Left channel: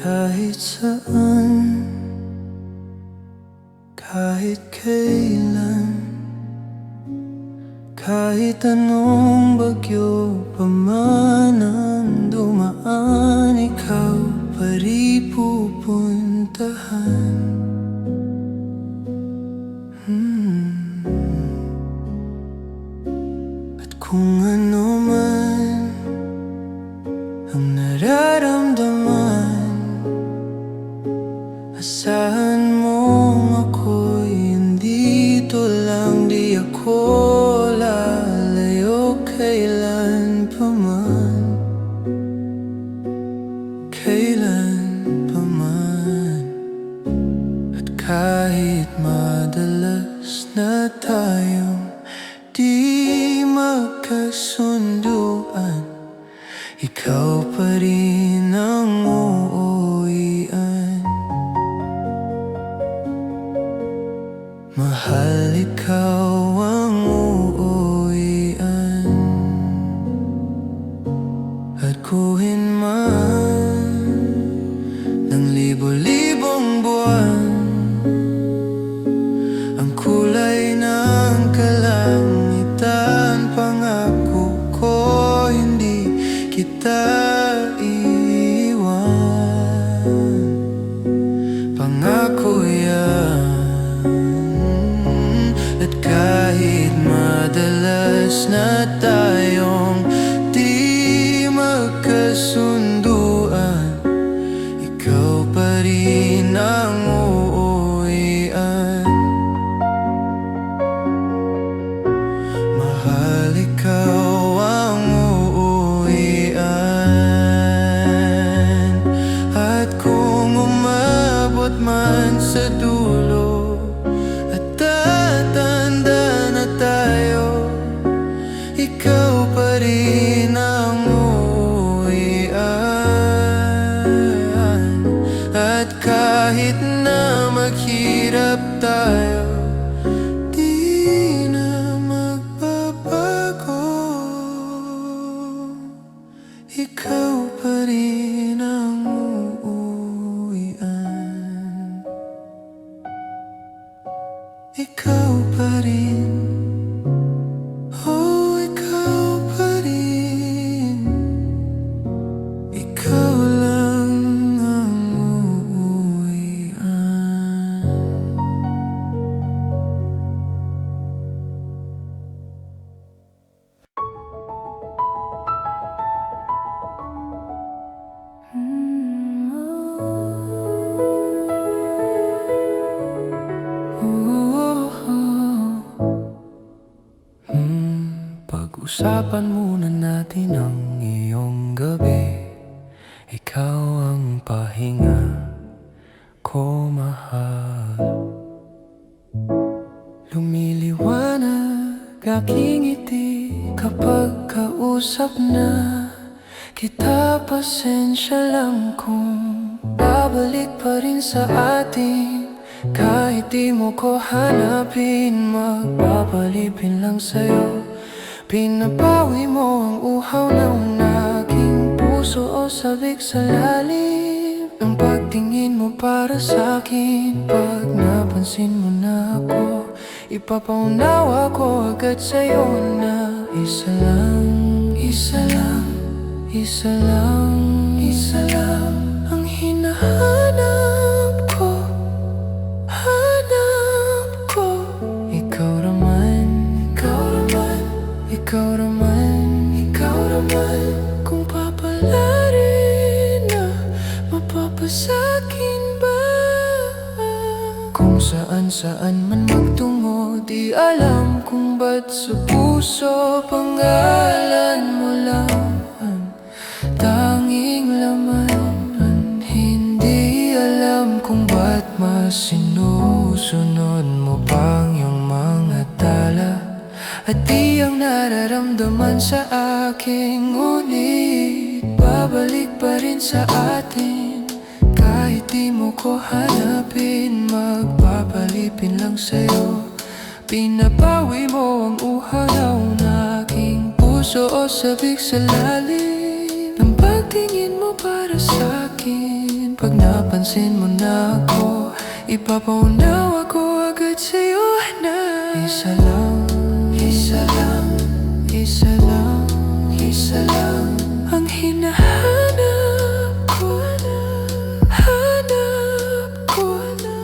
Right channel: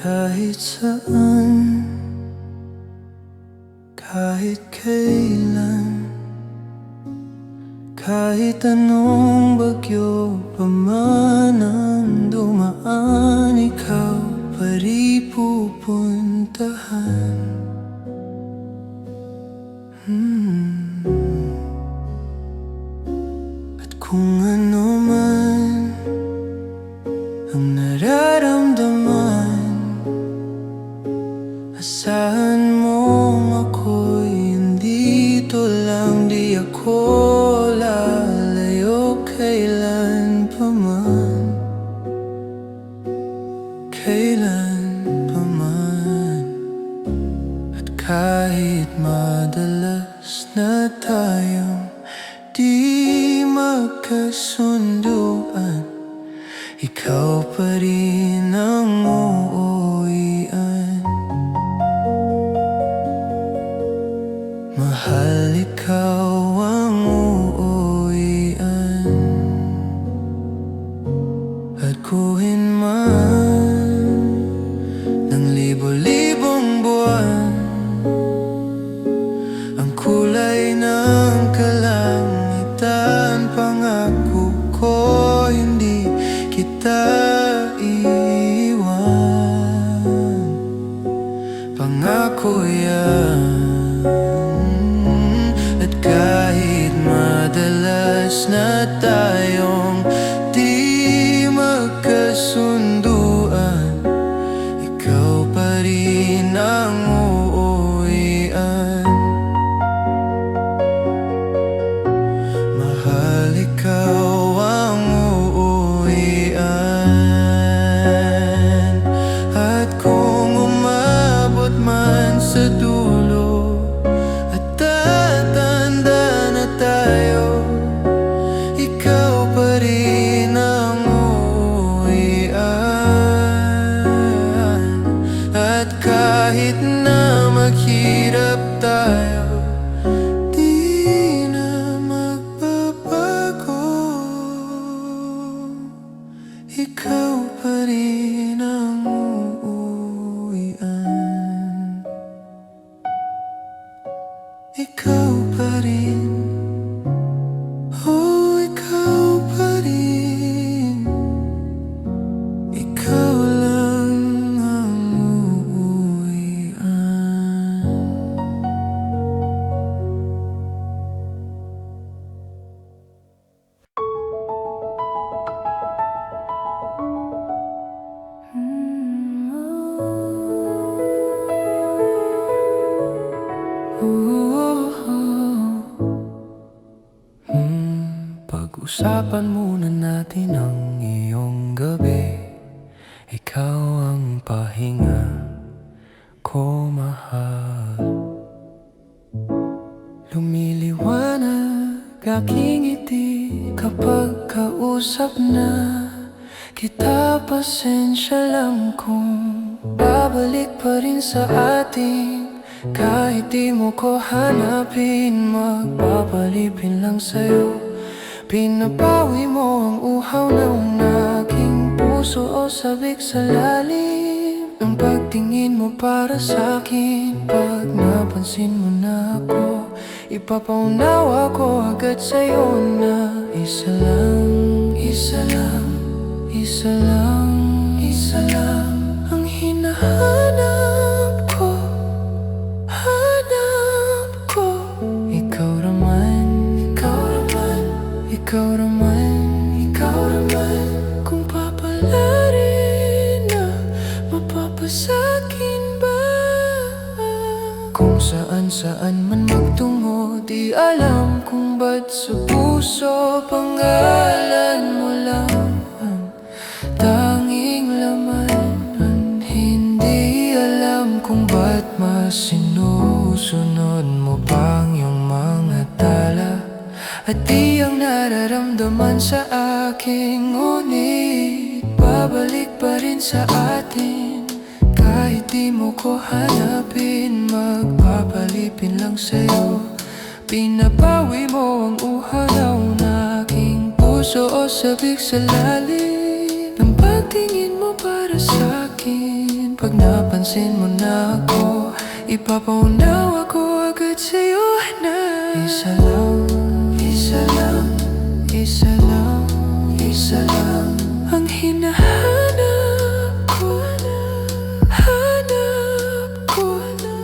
Kahit saan, kahit kailan, kahit anong bagyo pa man ang dumaan, ikaw pa rin pupuntahan. At kung ano man ang nararamdaman, asahan mong ako'y andito lang. Di ako lalayo kailan pa man, kailan pa man. At kahit madalas na tayong di magkasunduan, ikaw pa rin ang uuwian. Mahal, ikaw ang uuwian. At kuhin man ng libo-libong buwan ang kulay ng kalangitan, pangako ko hindi kita iiwan. Pangako yan. At kahit madalas na tayong di magkasunduan, ikaw pa rin ang uuwian. Mahal, ikaw ang uuwian. At kung umabot man sa dulo at tatanda na tayo, ikaw pa rin ang uuwian. At kahit na maghirap tayo, di na magbabago. Ikaw pa rin ang uuwian. Ikaw pa rin. Oh, ikaw pa rin. Ikaw lang ang uuwian. Pag-usapan muna natin ang iyong gabi. Ikaw ang pahinga ko, mahal. Lumiliwanag aking ngiti kapag kausap na kita. Pasensya lang kung babalik pa rin sa atin. Kahit di mo ko hanapin, magpapalipin lang sa'yo. Pinabawi mo ang uhaw ng aking puso o sabik sa lalim ng pagtingin mo para sa'kin. Pag napansin mo na ako, ipapaunawa ko agad sa'yo na isa lang, isa lang, isa lang, isa lang ang hinahanap ko, hanap ko. Ikaw naman, ikaw naman, ikaw naman, ikaw naman. Kung papalarin na, mapapasakin ba? Kung saan-saan man magtungo, di alam kung ba't sa puso pangalan mo lang ang tanging laman. Hindi alam kung ba't mas sinusunod mo pang yung mga tala at di ang nararamdaman sa akin. Ngunit babalik pa rin sa atin. Kahit di mo ko hanapin, magpapalipin lang sa'yo. Pinabawi mo ang uhaw ng aking puso o sabik sa lalim ng pagtingin mo para sa'kin. Pag napansin mo na ako, ipapaunawa ko agad sa'yo na isa lang, isa lang, isa lang, isa lang ang hinahanap ko, hanap ko.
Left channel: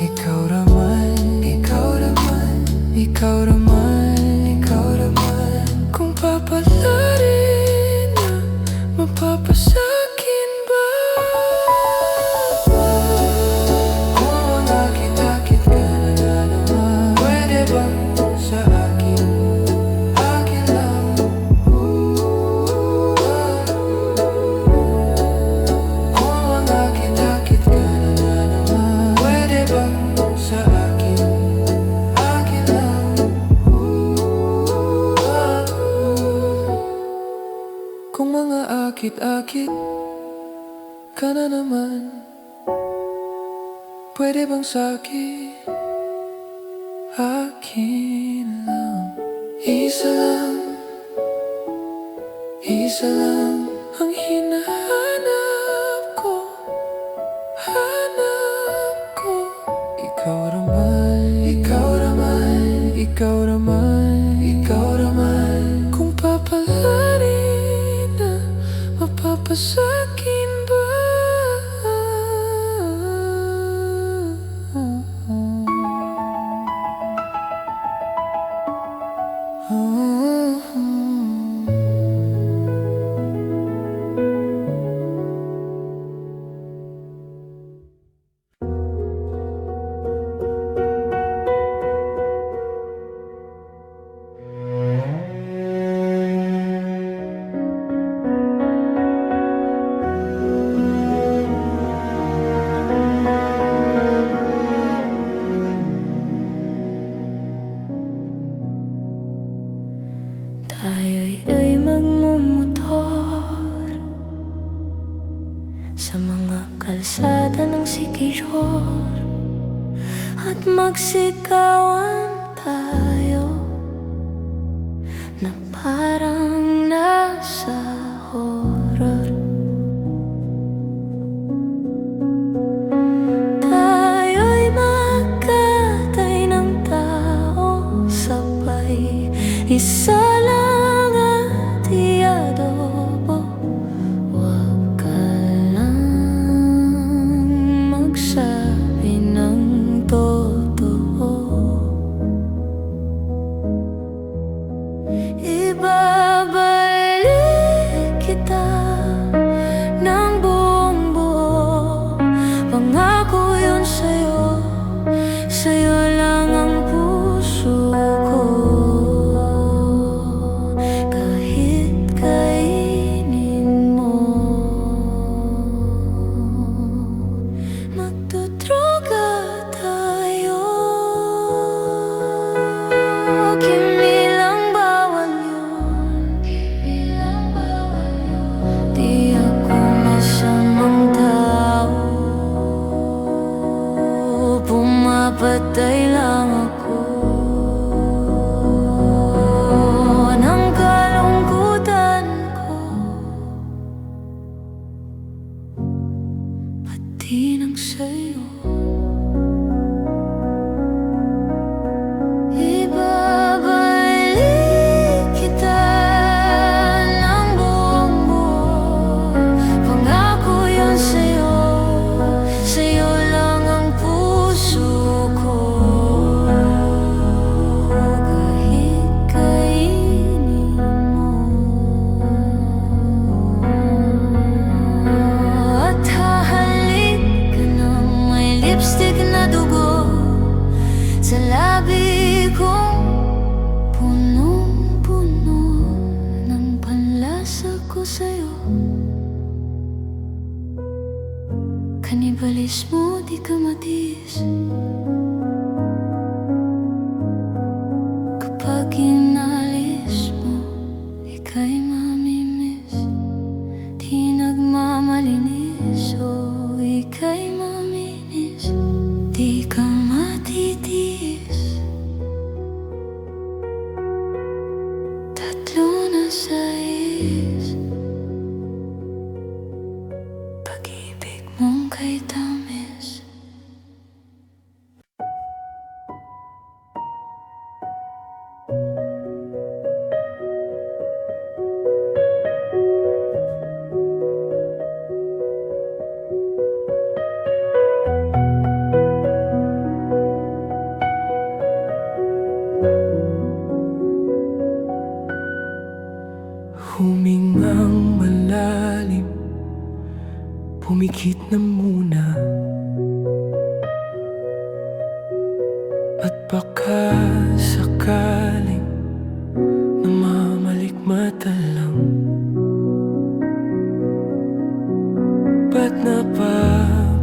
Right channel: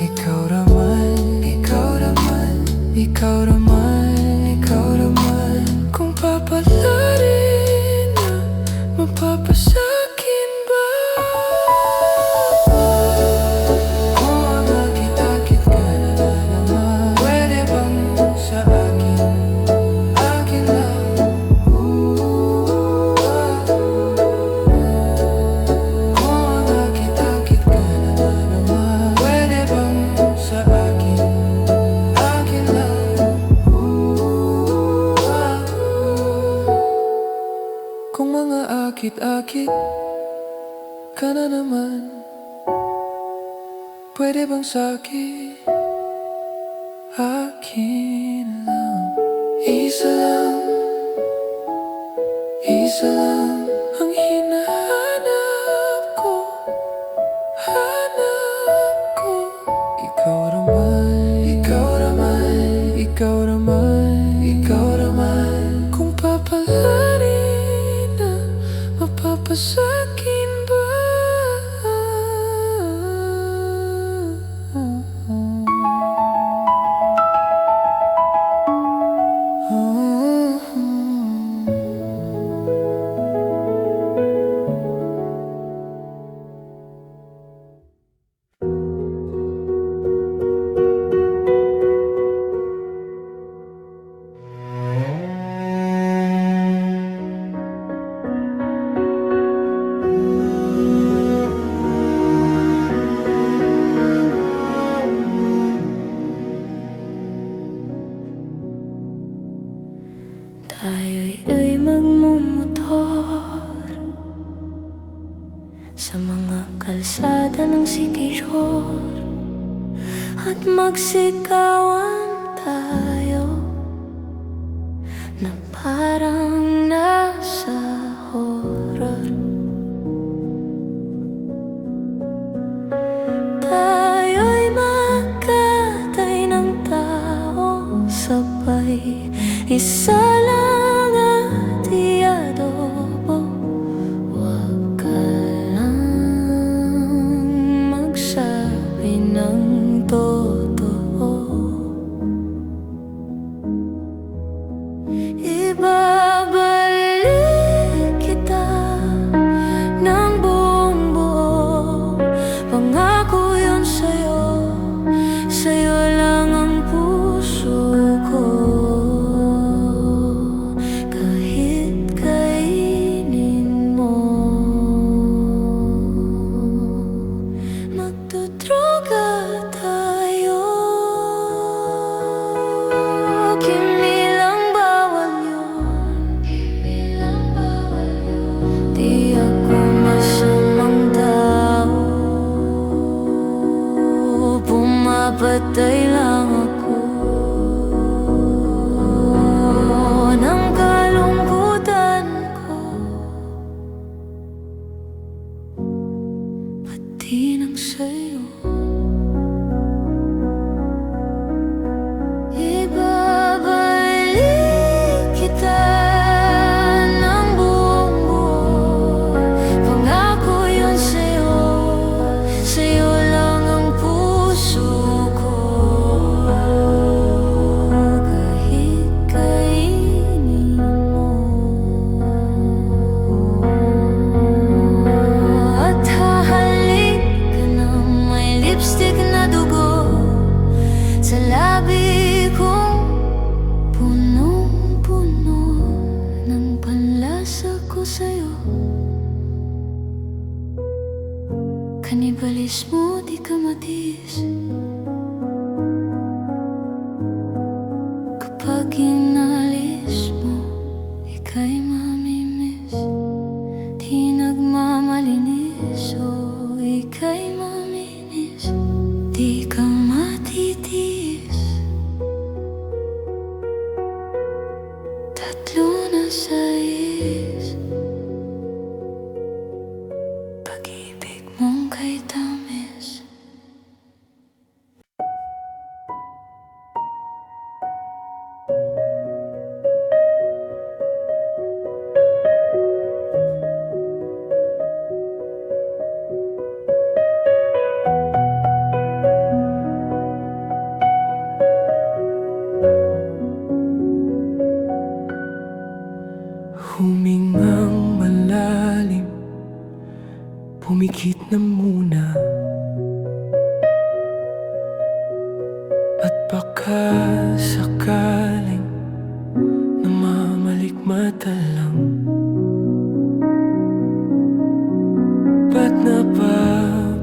Ikaw raman, ikaw raman, ikaw raman, ikaw raman. Kung papalarin na mapapasakin ba? Kung nakita-kit ka na naman, pwede bang sa akin, akin lang? Kung nakita-kit ka na naman, pwede bang sa akin, akin lang? Kung mga akit-akit ka na naman, pwede bang sa'kin, akin lang? Isa lang ang hinahanap ko, hanap ko. Ikaw raman, ikaw raman, ikaw raman, ikaw raman. Kung papalarin na mapapasakin ba? Tayo'y magmumotor sa mga kalsada ng Siquijor at magsikawan tayo na parang nasa horror. Tayo'y magkatay ng tao sabay, isa lang at iadobo. Huwag ka lang magsabi ng totoo. Ibabalik kita ng buong buo. Pangako yun sa'yo, sa'yo lang ang puso ko. Di ako masamang tao, pumapatay lang ako ng kalungkutan ko, pati ng sa'yo. Ibabalik kita ng buong buo. Pangako yun sa'yo, sa'yo lang ang puso ko. Kahit kainin mo at hahalik ka ng may lipstick na dugo sa labi kong punong-puno ng panlasa ko sa'yo. Kanibalismo di ka matiis kapag inalis mo, ika'y mamimiss. Di nagmamalinis o ika'y maminis, di ka matitiis. Tatlo na sais, pag-ibig mong kay tamis. Humingang malalim, pumikit na muna, at baka sakaling namamalikmata lang. Ba't napabahala?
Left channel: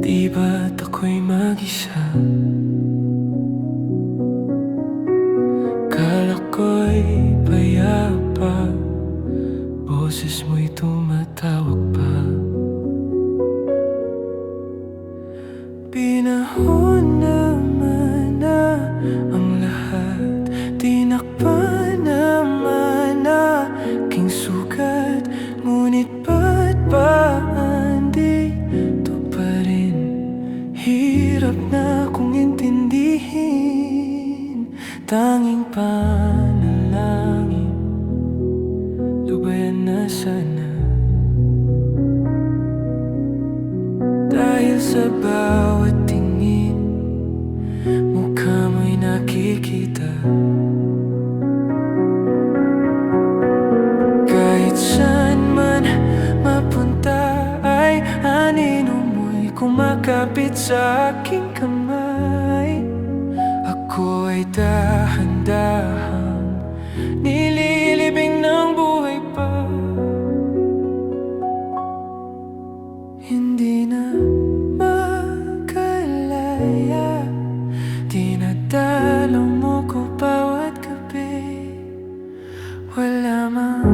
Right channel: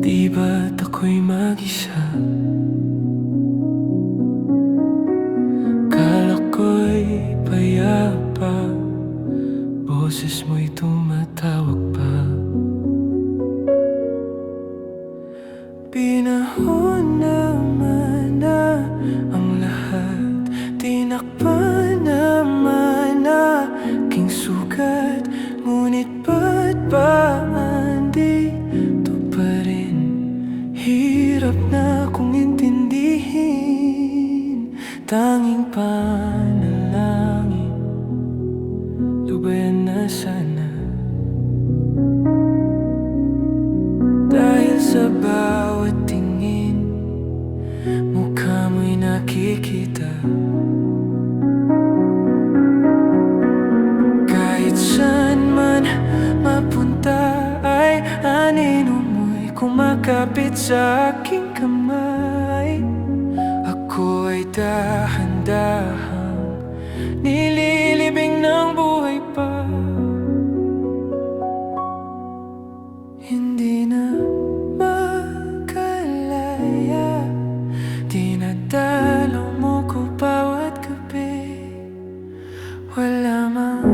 Di ba't ako'y mag-isa? Kala ko'y payapa, boses mo'y tumatawag pa. Pinahon naman na ang lahat, tinakpan naman na aking sugat. Ngunit ba't ba andito pa rin? Hirap na kong intindihin. Tanging panalangin, lubayan na sana. Dahil sa bawat tingin, mukha mo'y nakikita. Kahit saan man mapunta ay anino mo'y kumakapit sa aking kamay. Ako ay dahan-dahang nililibing ng buhay pa. Hindi na makalaya, dinadalaw mo ko bawat gabi. Wala mang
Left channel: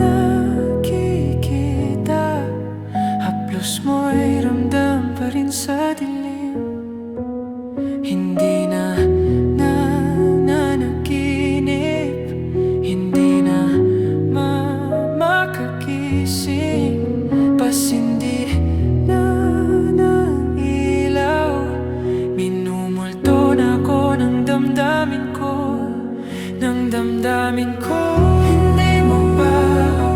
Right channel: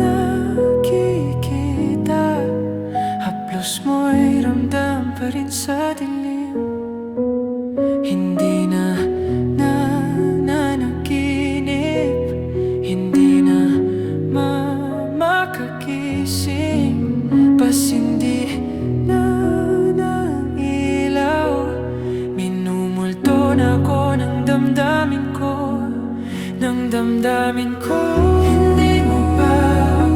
nakikita, haplos mo'y ramdam pa rin sa dilim. Hindi na nanaginip, hindi na makakising, pasindi na ng ilaw. Minumulto na ako ng damdamin ko, ng damdamin ko. Hindi mo ba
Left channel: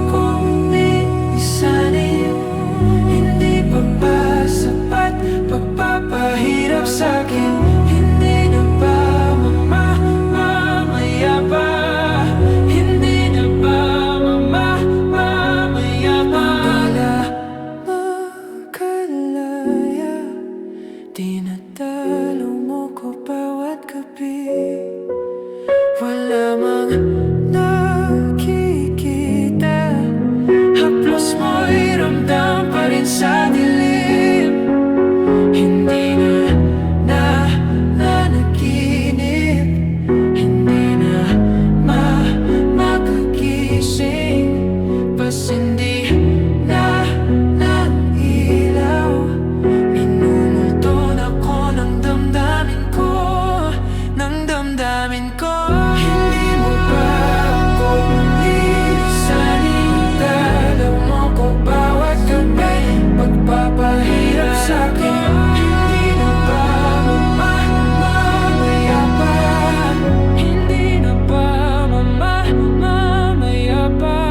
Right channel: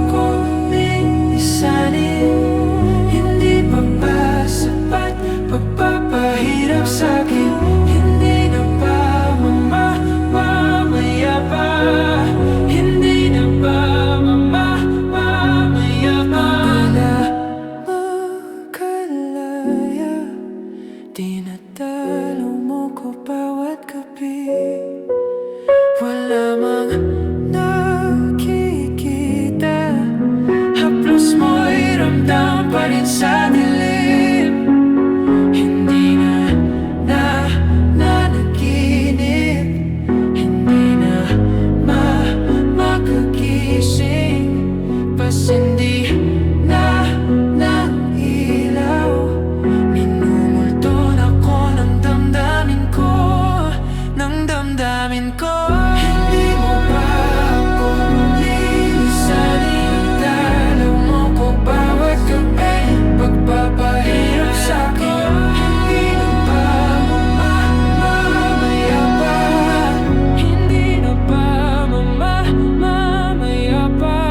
ako linisanin? Hindi pa ba sapat pagpapahirap sa'kin? Hindi na ba mamaya pa? Hindi na ba mamaya pa? Wala makalaya, dinadalaw mo ko bawat gabi. Wala mang nakikita, haplos mo'y ramdam pa rin sa dilim. Hindi na nanaginip, hindi na makakising, pasindi na ng ilaw. Minumulto na ko ng damdamin ko, ng damdamin ko. Hindi mo ba ako lilisanin? Dalaw mo ko bawat gabi, pagpapahirap sa'kin. Hindi na ba mamaya pa? Hindi na ba mamaya pa?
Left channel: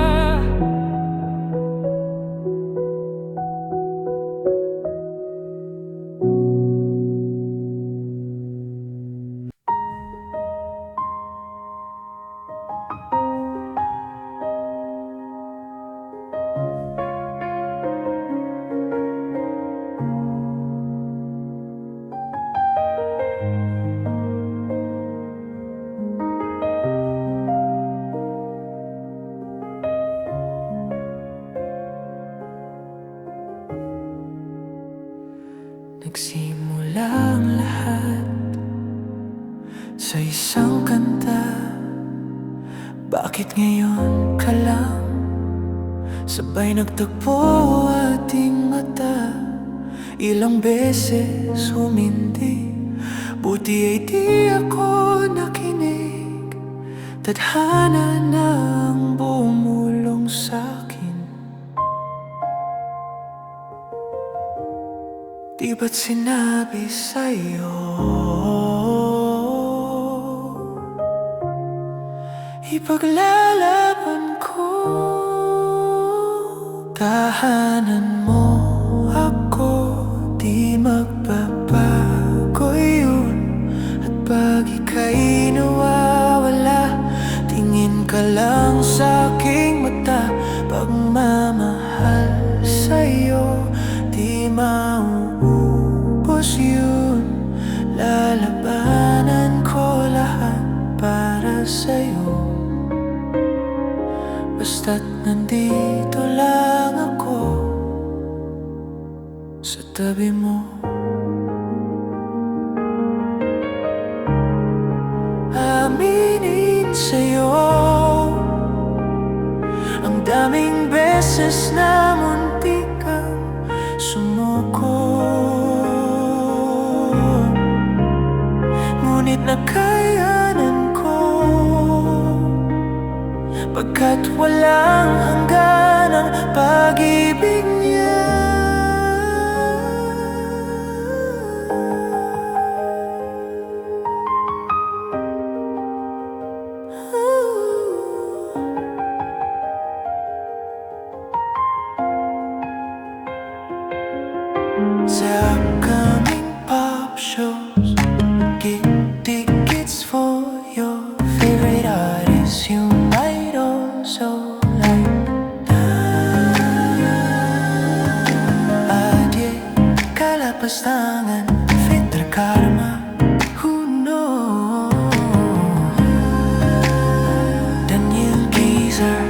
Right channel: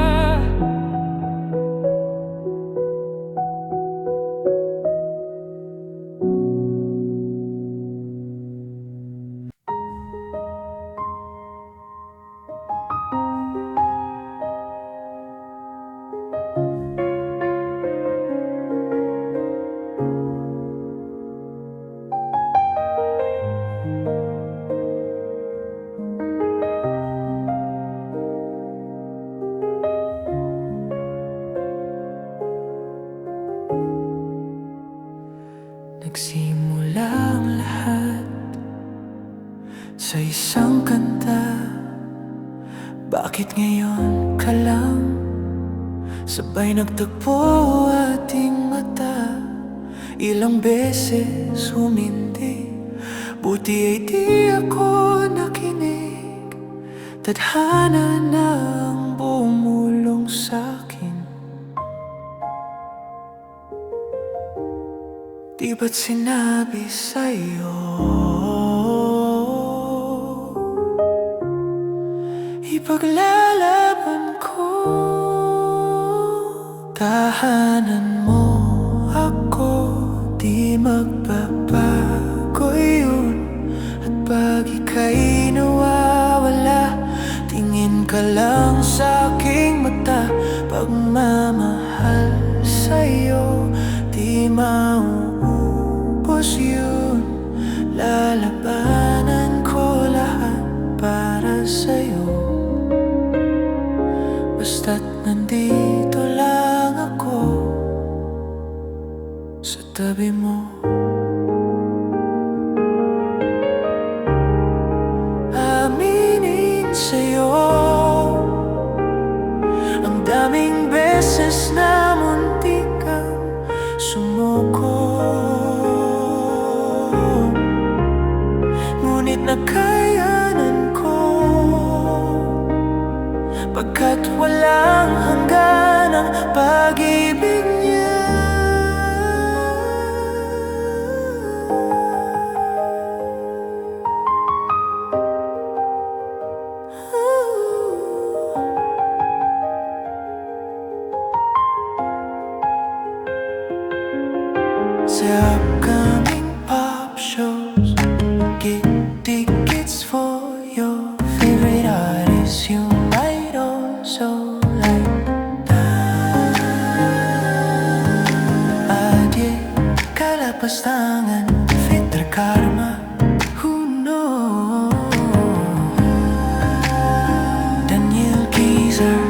Nagsimula ang lahat sa isang kanta. Bakit ngayon ka lang sabay nagtagpo ating mata? Ilang beses humindi, buti ay di ako nakinig. Tadhana na ang bumulong sa'kin. Di ba't sinabi sa'yo ipaglalaban ko? Tahanan mo ako, di magbabago yun. At pag ika'y nawawala, tingin ka lang sa aking mata. Pagmamahal sa'yo, di mauubos yun. Lalabanan ko lahat para sa'yo. Basta't nandito lang ako sa tabi mo. Aminin sa'yo, ang daming beses na muntik kang sumuko, ngunit nakayanan ko, pagkat walang hanggan ang pag-ibig niya. Sa upcoming pop shows, get tickets for your favorite artists you might also like. Adye, kalapastangan, Fitra Karma, who knows? Daniel Geezer.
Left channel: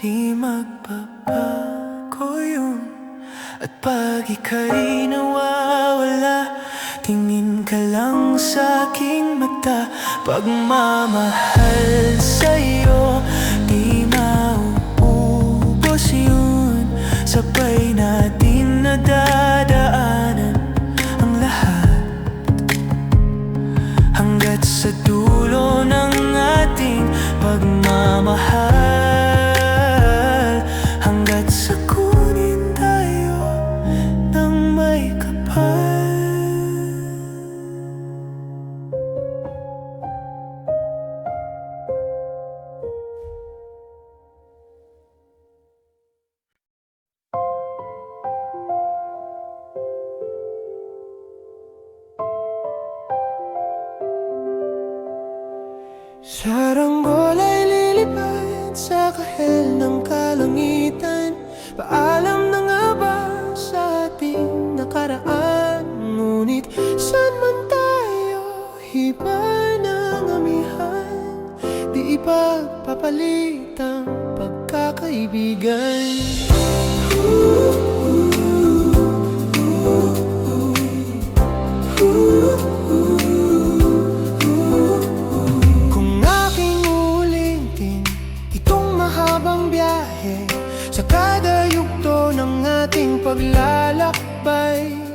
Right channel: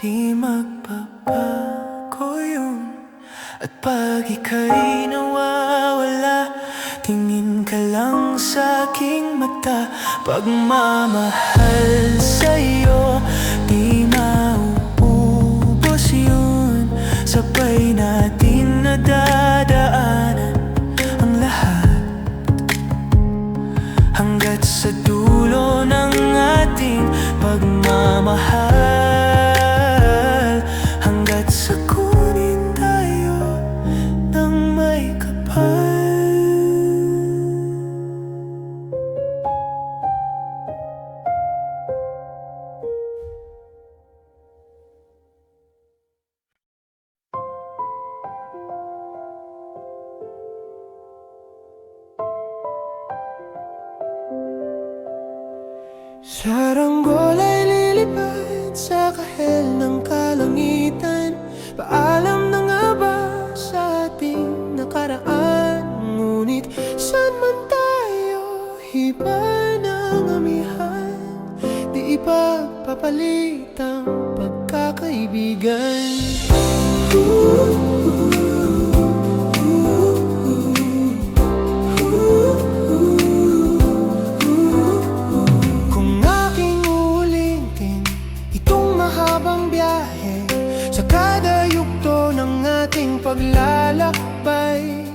Di magbabago yun. At pag ika'y nawawala, tingin ka lang sa aking mata. Pagmamahal sa'yo, di mauubos yun. Sabay natin nadadaanan ang lahat, hanggat sa dulo ng ating pagmamahal. Sa kunin tayo ng may kapal. Saranggol ay lilipad sa kahel ng kalangitan. Paalam na nga ba sa ating nakaraan? Ngunit saan man tayo, iba ng amihan. Di ipagpapalit ang pagkakaibigan. Kung aking ulitin itong mahabang biyahe, sa kada yugto ng ating paglalakbay,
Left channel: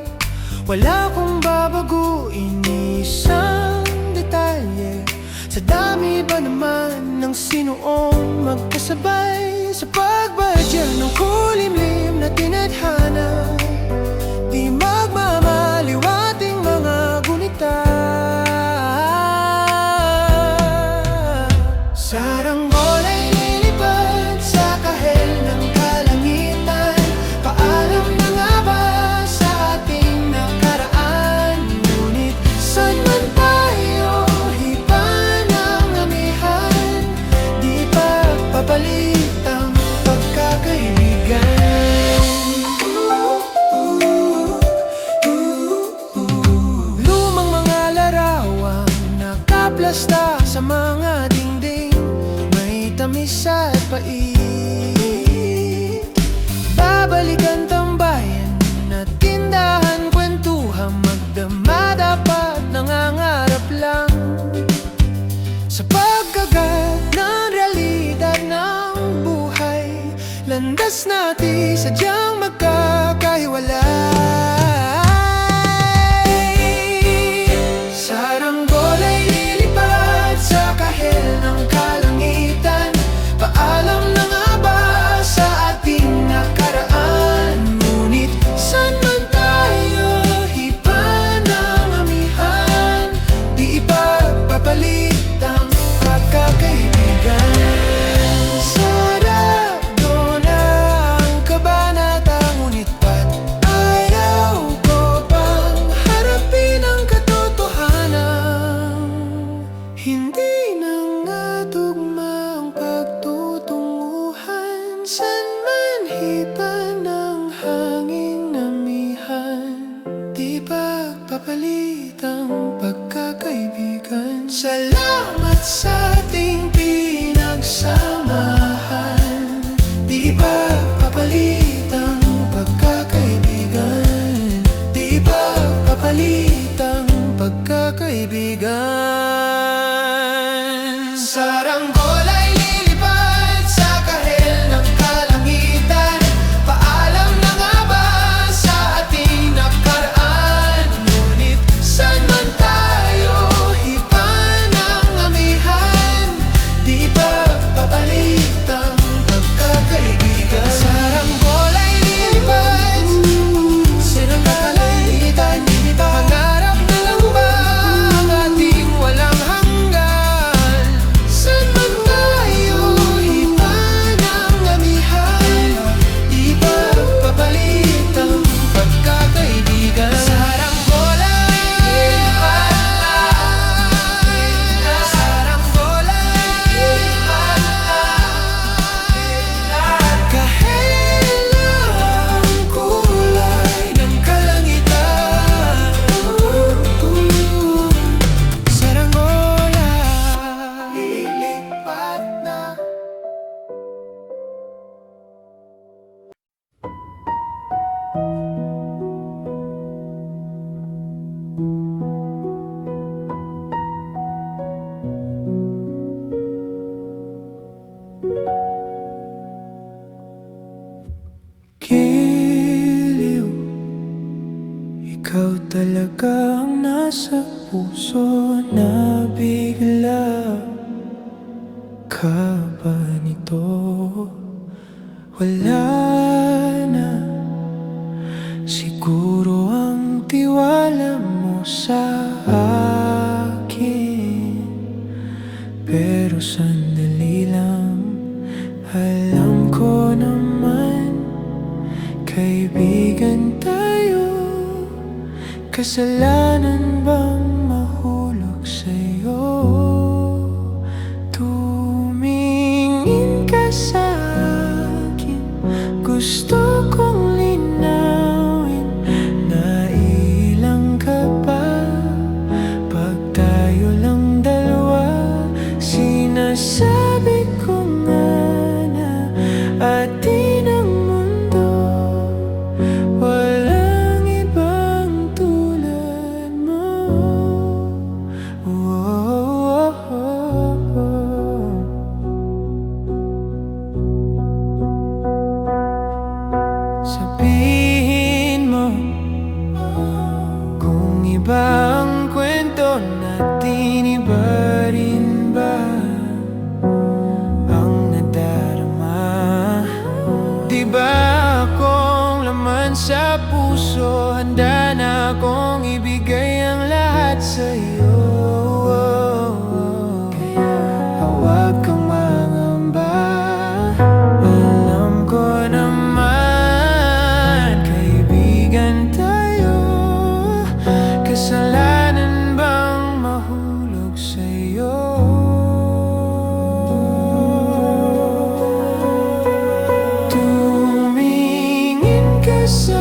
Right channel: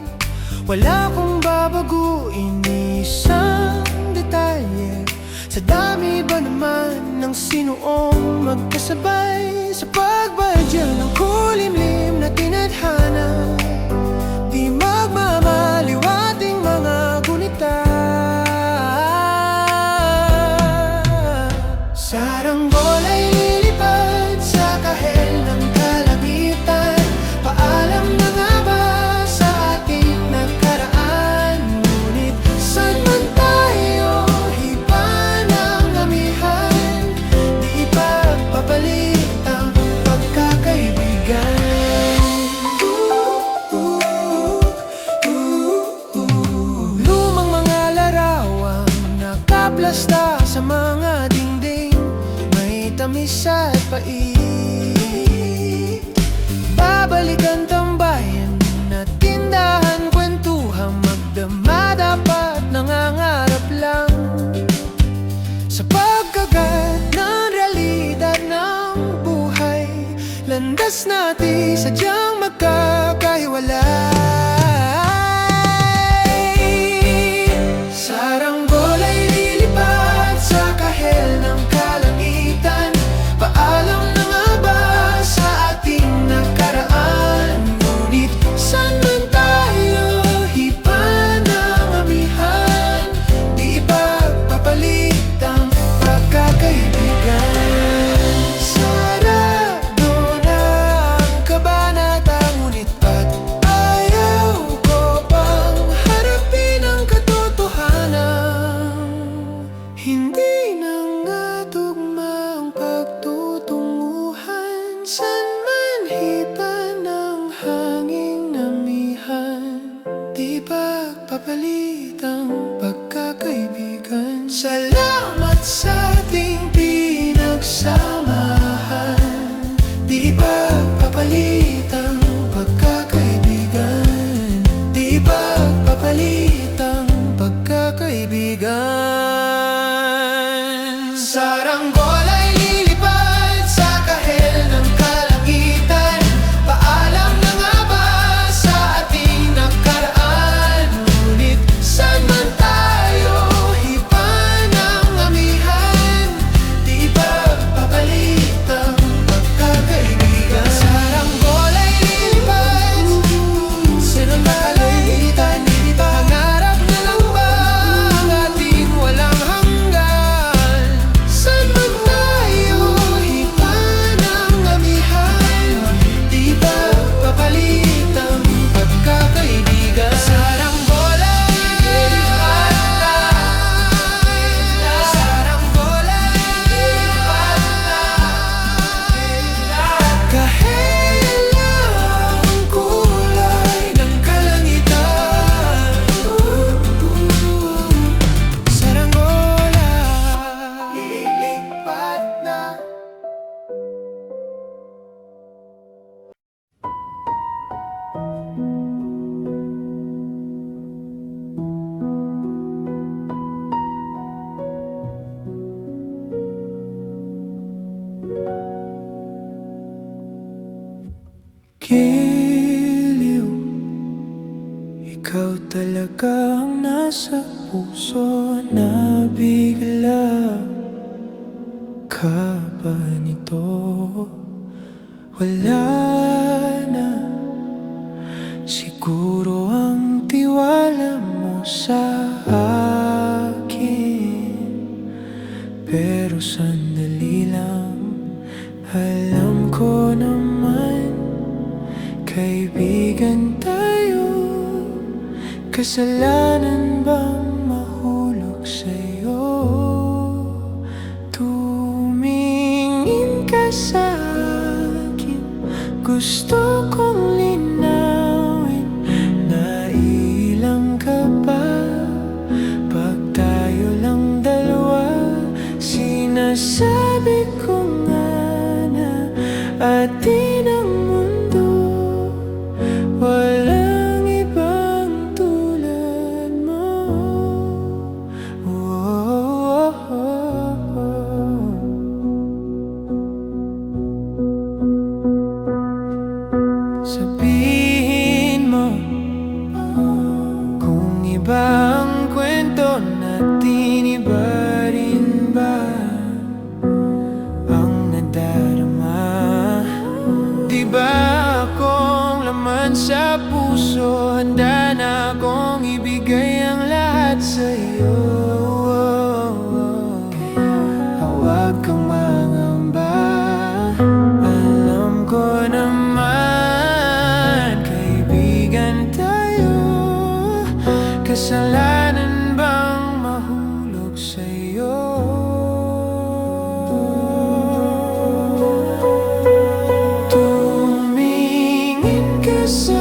wala kong babaguin isang detalye. Sa dami ba naman ng sinuong magkasabay, sa pagbadya ng kulimlim na tinadhana, di magmamaliwating mga gunita. Saranggol ay lilipad sa kahel ng kalangitan. Paalam na nga ba sa ating nakaraan? Ngunit saan man tayo, iba ng amihan. Di ipagpapalit ang pagkakaibigan. Lumang mga larawang nakaplasta sa mga dingding, tamis at pait. Babalikan landas natin sadyang magkakahiwalay. Saranggola ay lilipad sa kahel ng kalangitan. Paalam na nga ba sa ating nakaraan? Ngunit saan man tayo hipa ng amihan, di ipagpapalit ang pagkakaibigan. Sarado na ang kabanata, ngunit ba't ayaw ko pang harapin ang katotohanan? Hindi na nga tugma ang pagtutunguhan, saan man hipa ng hanging namihan, di pagpapalit ang pagkakaibigan. Salamat sa ating pinagsamahan, di pagpapalit ang pagkakaibigan, di pagpapalit ang pagkakaibigan. Saranggola ay lilipad sa kahel ng kalangitan. Paalam na nga ba sa ating nakaraan? Ngunit saan man tayo hipa ng amihan, di pagpapalit ang pagkakaibigan. Saranggola ay lilipad sa kalangitan. Pangarap na lang ba ang ating walang hanggan? Saan man tayo hipa ng amihan, di pagpapalit ang pagkakaibigan. Saranggola, saranggola, kahel ang kulay ng kalangitan. Saranggola, lilipat na. Giliw, ikaw talaga ang nasa puso na bigla. Ka ba nito? Wala na. Siguro ang tiwala mo sa akin, pero sandali lang. Alam ko naman, kaibigan tayo. Kasalanan bang mahulog sa'yo? Tumingin ka sa'kin, gusto kong linawin. Nailang ka ba pag tayo lang dalawa? Sinasabi ko nga na atin ang mundo, walang ibang tulad mo. Sabihin mo kung iba ang kwento natin, iba rin ba ang nadarama? Di ba akong laman sa puso, handa na akong ibigay ang lahat sa'yo. Kaya huwag kang mangamba, alam ko naman kaibigan tayo. Kasalanan bang mahulog sa'yo? Tumingin ka sa